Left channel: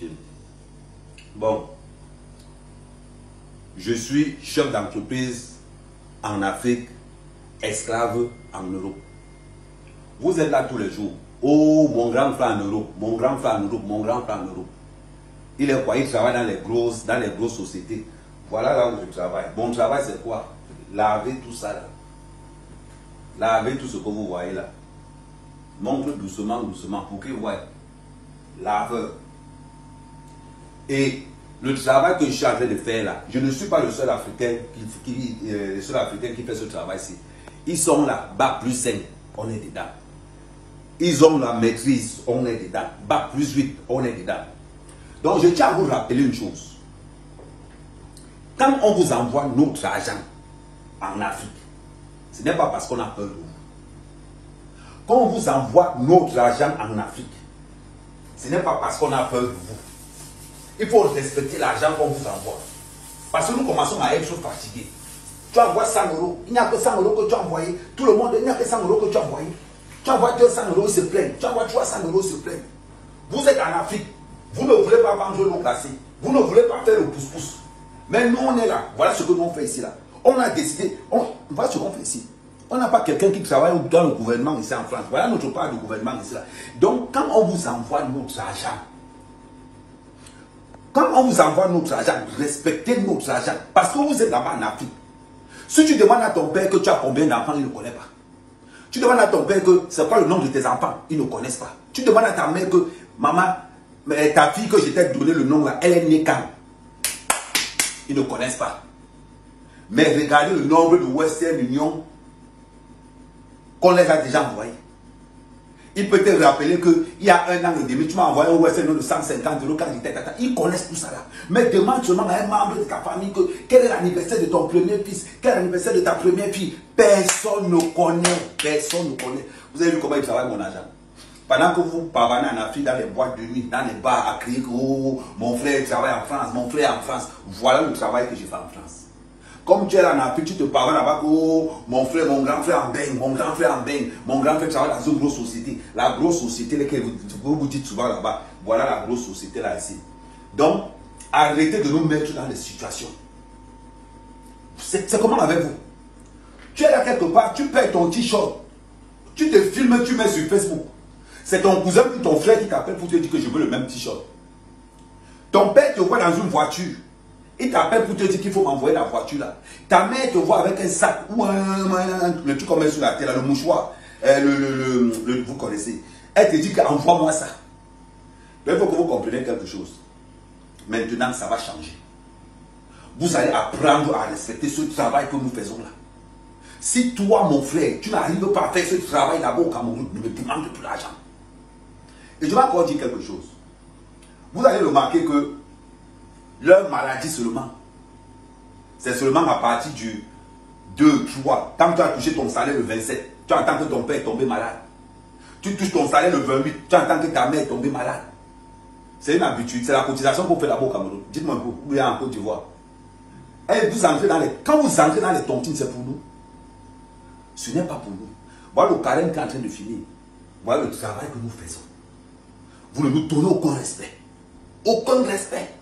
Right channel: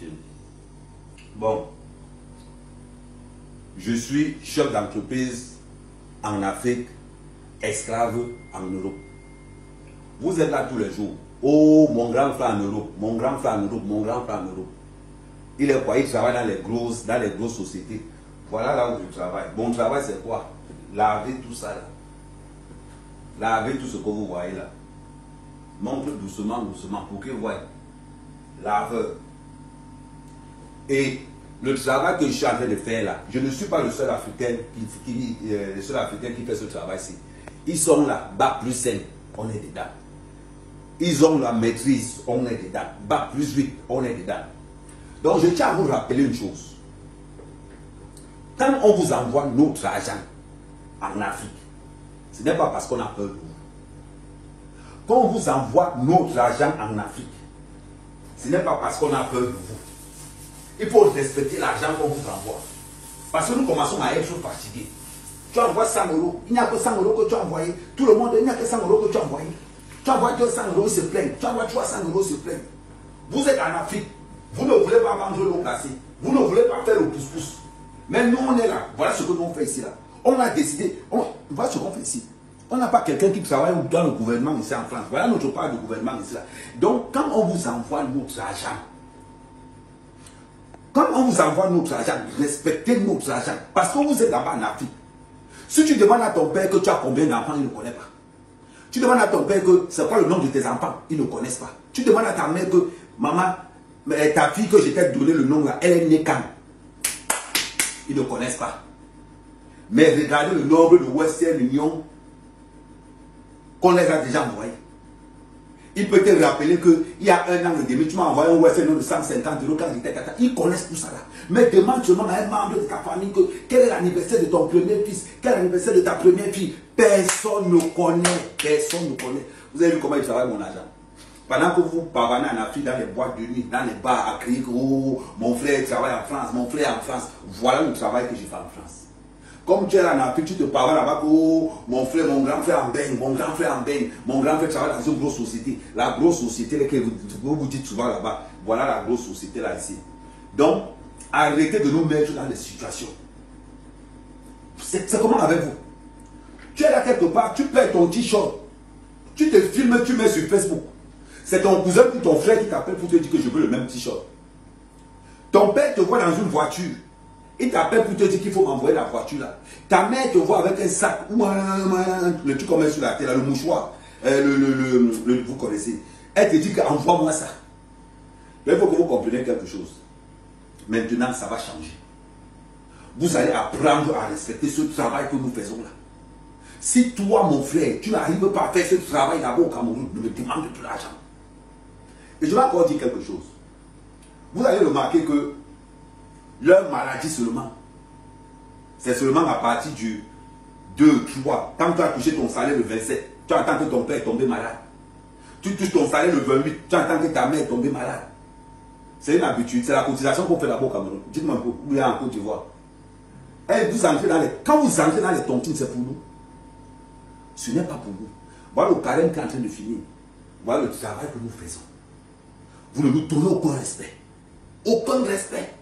utile. Bon, je suis chef d'entreprise en Afrique, esclave en Europe. Vous êtes là tous les jours. Oh, mon grand frère en Europe, mon grand frère en Europe, mon grand frère en Europe. Il est quoi? Il travaille dans les grosses sociétés. Voilà là où je travaille. Mon travail, c'est quoi? Laver tout ça là. Lavez tout ce que vous voyez là. Montre doucement, doucement pour qu'ils voient. Laveur. Et le travail que je suis en train de faire là, je ne suis pas le seul Africain qui fait ce travail-ci. Ils sont là, bac plus 5, on est dedans. Ils ont la maîtrise, on est dedans. Bac plus 8, on est dedans. Donc je tiens à vous rappeler une chose. Quand on vous envoie notre argent en Afrique, ce n'est pas parce qu'on a peur de vous. Quand on vous envoie notre argent en Afrique, ce n'est pas parce qu'on a peur de vous. Il faut respecter l'argent qu'on vous envoie. Parce que nous commençons à être fatigués. Tu envoies 100 €, il n'y a que 100 € que tu as envoyé. Tout le monde, il n'y a que 100 € que tu as envoyé. Tu envoies 200 €, ils se plaignent. Tu envoies 300 €, ils se plaignent. Vous êtes en Afrique. Vous ne voulez pas manger l'eau glacée. Vous ne voulez pas faire le pouce-pouce. Mais nous, on est là. Voilà ce que nous on fait ici. Là. On a décidé. Voilà ce qu'on fait ici. On n'a pas quelqu'un qui travaille dans le gouvernement ici en France. Voilà notre part de gouvernement ici. Là. Donc, quand on vous envoie notre argent, respectez notre argent. Parce que vous êtes là-bas en Afrique. Si tu demandes à ton père que tu as combien d'enfants, il ne connaît pas. Tu demandes à ton père que c'est quoi le nom de tes enfants, ils ne connaissent pas. Tu demandes à ta mère que, maman, ta fille que je t'ai donné le nom là, elle est née quand? Ils ne connaissent pas. Mais regardez le nombre de Western Union qu'on les a déjà envoyés. Il peut te rappeler qu'il y a 1 an et demi, tu m'as envoyé un Western Union de 150 € quand j'étais tata. Ils connaissent tout ça là. Mais demande seulement à un membre de ta famille que quel est l'anniversaire de ton premier fils, quel est l'anniversaire de ta première fille. Personne ne connaît. Personne ne connaît. Vous avez vu comment il travaille mon argent? Pendant que vous pavanez en Afrique, dans les boîtes de nuit, dans les bars, à crier que oh, mon frère travaille en France, mon frère en France. Voilà le travail que je fais en France. Comme tu es là en Afrique, tu te parles là-bas que oh, mon frère, mon grand frère en baigne, mon grand frère en baigne, mon grand frère travaille dans une grosse société. La grosse société que vous dites souvent là-bas, voilà la grosse société là ici. Donc, arrêtez de nous mettre dans des situations. C'est comment avec vous? Tu es là quelque part, tu perds ton t-shirt, tu te filmes, tu mets sur Facebook. C'est ton cousin ou ton frère qui t'appelle pour te dire que je veux le même t-shirt. Ton père te voit dans une voiture. Il t'appelle pour te dire qu'il faut m'envoyer la voiture là. Ta mère te voit avec un sac ou le truc qu'on met sur la tête, là, le mouchoir. Vous connaissez. Elle te dit qu'envoie-moi ça. Mais il faut que vous compreniez quelque chose. Maintenant, ça va changer. Vous allez apprendre à respecter ce travail que nous faisons là. Si toi, mon frère, tu n'arrives pas à faire ce travail d'abord au Cameroun, ne me demande plus l'argent. Et je vais encore dire quelque chose. Vous allez remarquer que leur maladie seulement, c'est seulement à partir du 2, 3. Quand tu as touché ton salaire le 27, tu entends que ton père est tombé malade. Tu touches ton salaire le 28, tu entends que ta mère est tombée malade. C'est une habitude, c'est la cotisation qu'on fait là-bas au Cameroun. Dites-moi un peu, où il y a en Côte d'Ivoire. Quand vous entrez dans les tontines, c'est pour nous. Ce n'est pas pour nous. Voilà le carême qui est en train de finir. Voilà le travail que nous faisons. Vous ne nous donnez aucun respect. Aucun respect.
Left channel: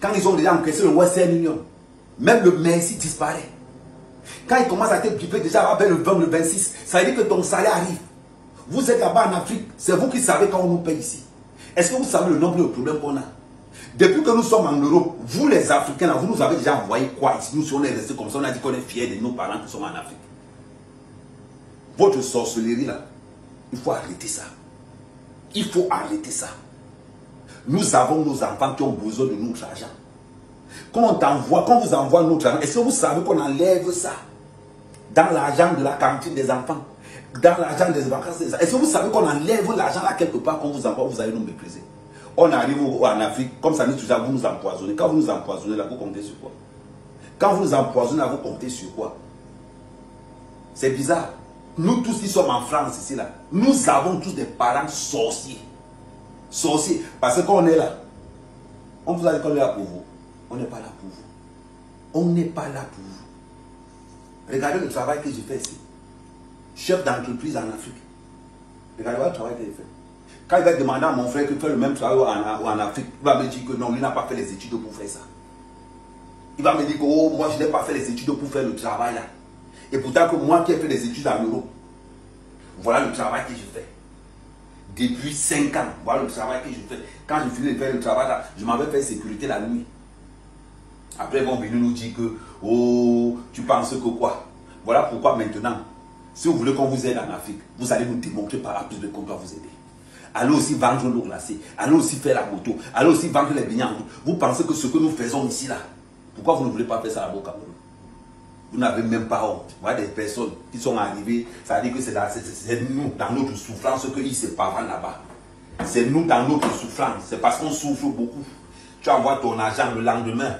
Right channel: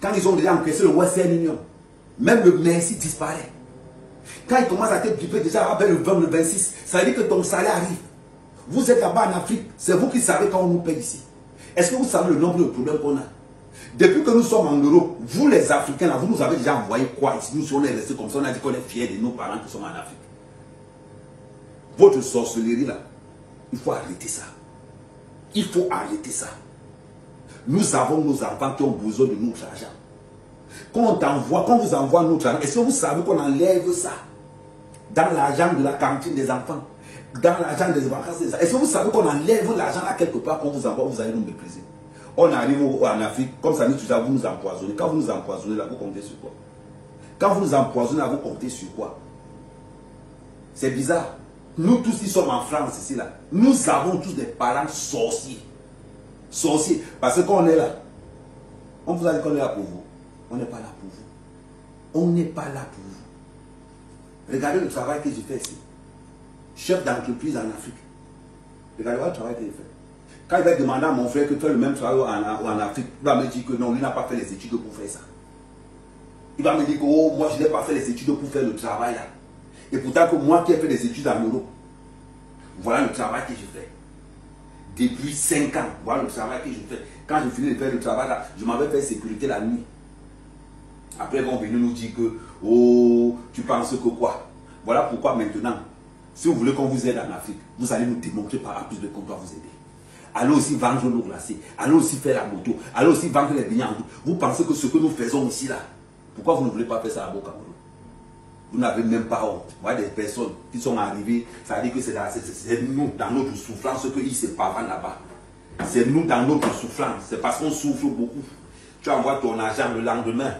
Quand ils ont déjà encaissé le Western Union, même le merci disparaît. Quand ils commencent à te piper déjà vers le 20, le 26, ça veut dire que ton salaire arrive. Vous êtes là-bas en Afrique, c'est vous qui savez quand on nous paye ici. Est-ce que vous savez le nombre de problèmes qu'on a? Depuis que nous sommes en Europe, vous les Africains, là, vous nous avez déjà envoyé quoi ici? Nous, si on est resté comme ça, on a dit qu'on est fiers de nos parents qui sont en Afrique. Votre sorcellerie là, il faut arrêter ça. Il faut arrêter ça. Nous avons nos enfants qui ont besoin de notre argent. Quand vous envoie notre argent, est-ce que vous savez qu'on enlève ça dans l'argent de la cantine des enfants, dans l'argent des vacances des enfants? Est-ce que vous savez qu'on enlève l'argent là quelque part qu'on vous envoie, vous allez nous mépriser? On arrive en Afrique, comme ça, vous nous empoisonnez. Quand vous nous empoisonnez là, vous comptez sur quoi? Quand vous nous empoisonnez là, vous comptez sur quoi? C'est bizarre. Nous tous qui sommes en France ici là, nous avons tous des parents sorciers. Sorciers. Parce qu'on est là. On vous a dit qu'on est là pour vous. On n'est pas là pour vous. On n'est pas là pour vous. Regardez le travail que j'ai fait ici. Chef d'entreprise en Afrique. Regardez le travail que j'ai fait. Quand il va demander à mon frère que fait le même travail en Afrique, il va me dire que non, il n'a pas fait les études pour faire ça. Il va me dire que oh, moi je n'ai pas fait les études pour faire le travail là. Et pourtant que moi qui ai fait des études en Europe, voilà le travail que je fais. Depuis 5 ans, voilà le travail que je fais. Quand je finis de faire le travail là, je m'avais fait sécurité la nuit. Après ils vont venir nous dire que oh, tu penses que quoi? Voilà pourquoi maintenant, si vous voulez qu'on vous aide en Afrique, vous allez nous démontrer par la plus de qu'on doit vous aider. Allez aussi vendre l'eau glacée, allez aussi faire la moto, allez aussi vendre les beignets en route. Vous pensez que ce que nous faisons ici là, pourquoi vous ne voulez pas faire ça là-bas au Cameroun? Vous n'avez même pas honte. Vous voyez des personnes qui sont arrivées, ça veut dire que c'est nous, dans notre souffrance, qu'ils se parlent là-bas. C'est nous dans notre souffrance, c'est parce qu'on souffre beaucoup. Tu envoies ton argent le lendemain.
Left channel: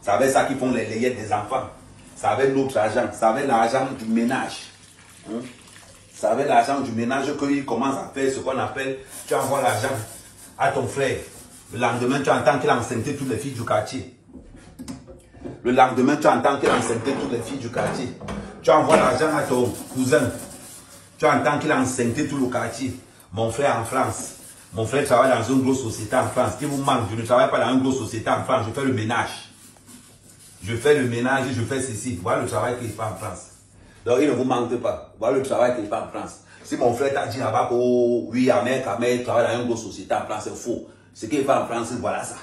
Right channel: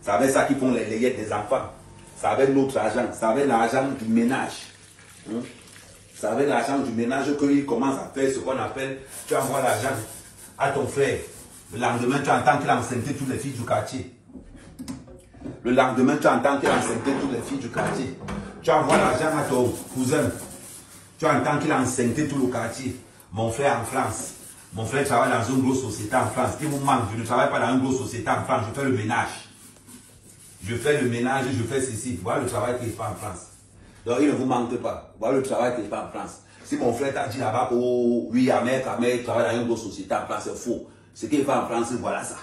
C'est avec ça qu'ils font les layettes des enfants. C'est avec notre argent, c'est avec l'argent du ménage. C'est avec l'argent du ménage qu'ils commencent à faire ce qu'on appelle, tu envoies l'argent à ton frère. Le lendemain, tu entends qu'il a enceinté toutes les filles du quartier. Le lendemain, tu entends qu'il a enceinté toutes les filles du quartier. Tu envoies l'argent à ton cousin. Tu entends qu'il a enceinté tout le quartier. Mon frère en France. Mon frère travaille dans une grosse société en France. Il vous manque, je ne travaille pas dans une grosse société en France. Je fais le ménage. Je fais le ménage, je fais ceci. Voilà le travail qu'il fait en France. Donc, il ne vous manque pas. Voilà le travail qu'il fait en France. Si mon frère t'a dit là-bas que oh, oui, Ahmed travaille dans une grosse société en France, c'est faux. Ce qu'il fait en France, voilà ça.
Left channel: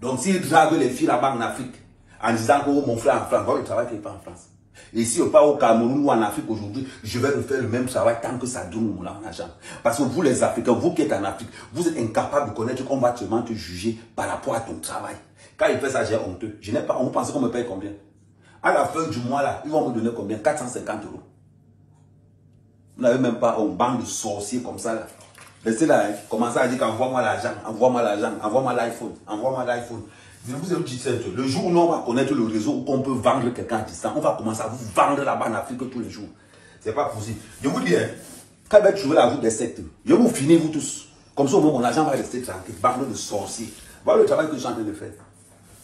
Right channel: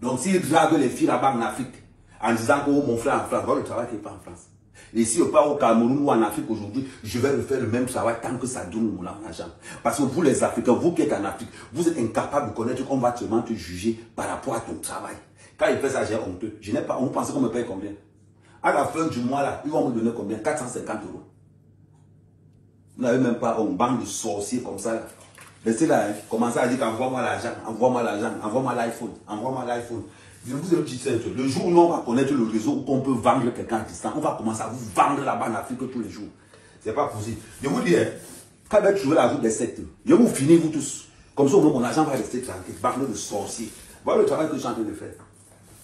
Donc, s'il drague les filles là-bas en Afrique, en disant que oh, mon frère en France, voilà le travail qu'il fait en France. Et si on part au Cameroun ou en Afrique aujourd'hui, je vais refaire le même travail tant que ça donne mon argent. Parce que vous les Africains, vous qui êtes en Afrique, vous êtes incapables de connaître qu'on va seulement te juger par rapport à ton travail. Quand il fait ça, j'ai honteux. Je n'ai pas, on pense qu'on me paye combien? À la fin du mois là, ils vont me donner combien? 450 €. Vous n'avez même pas une bande de sorciers comme ça là. Restez là, hein. Commencez à dire qu'envoie-moi l'argent, envoie-moi l'argent, envoie-moi l'iPhone, envoie-moi l'iPhone. Je vous ai dit ça. Le jour où on va connaître le réseau où on peut vendre quelqu'un à distance, on va commencer à vous vendre là-bas en Afrique tous les jours. C'est pas possible. Je vous dis, hein, quand il va trouver la route des sectes, je vais vous finir vous tous. Comme ça, mon argent va rester tranquille. Bande de sorciers. Voilà le travail que je suis en train de faire.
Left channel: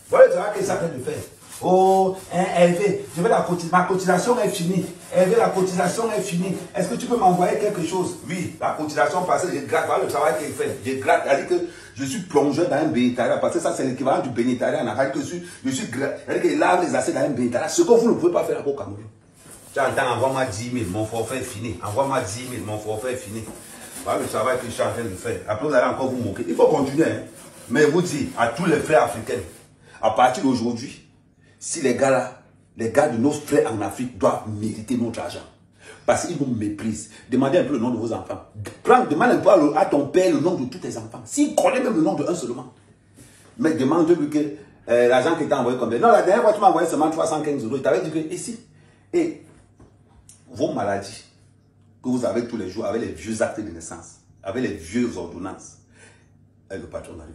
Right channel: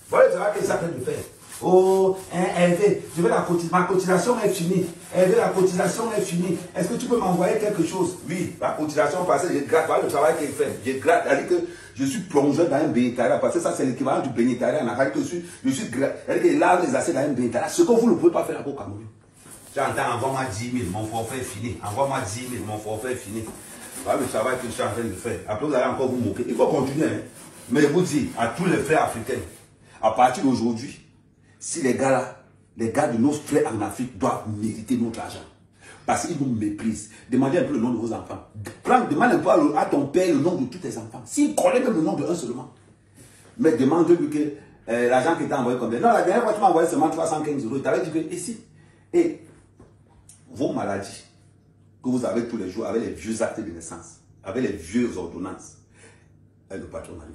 Voilà le travail que je suis en train de faire. Oh, Hervé, je veux ma cotisation est finie. Hervé, la cotisation est finie. Est-ce que tu peux m'envoyer quelque chose? Oui, la cotisation passée, je gratte. Voilà le travail qu'il fait. Je gratte. C'est-à-dire que je suis plongeur dans un bénétariat. Parce que ça, c'est l'équivalent du bénétariat. C'est-à-dire que c'est-à-dire qu'il lave les assiettes dans un bénétariat. Ce que vous ne pouvez pas faire au Cameroun. Tu entends, envoie-moi 10 000, mon forfait est fini. Envoie-moi 10 000, mon forfait est fini. Voilà le travail que je suis en train de faire. Après, vous allez encore vous moquer. Il faut continuer. Hein. Mais vous dites à tous les frères africains, à partir d'aujourd'hui, si les gars là, les gars de nos frères en Afrique doivent mériter notre argent. Parce qu'ils nous méprisent. Demandez un peu le nom de vos enfants. Demande un peu à ton père le nom de tous tes enfants. S'il connaît même le nom de un seulement. Mais demande-lui que l'argent qu'il t'a envoyé combien. Non, la dernière fois tu m'as envoyé seulement 315 €. Il t'avait dit que ici. Et vos maladies que vous avez tous les jours avec les vieux actes de naissance, avec les vieux ordonnances, et le patron arrive.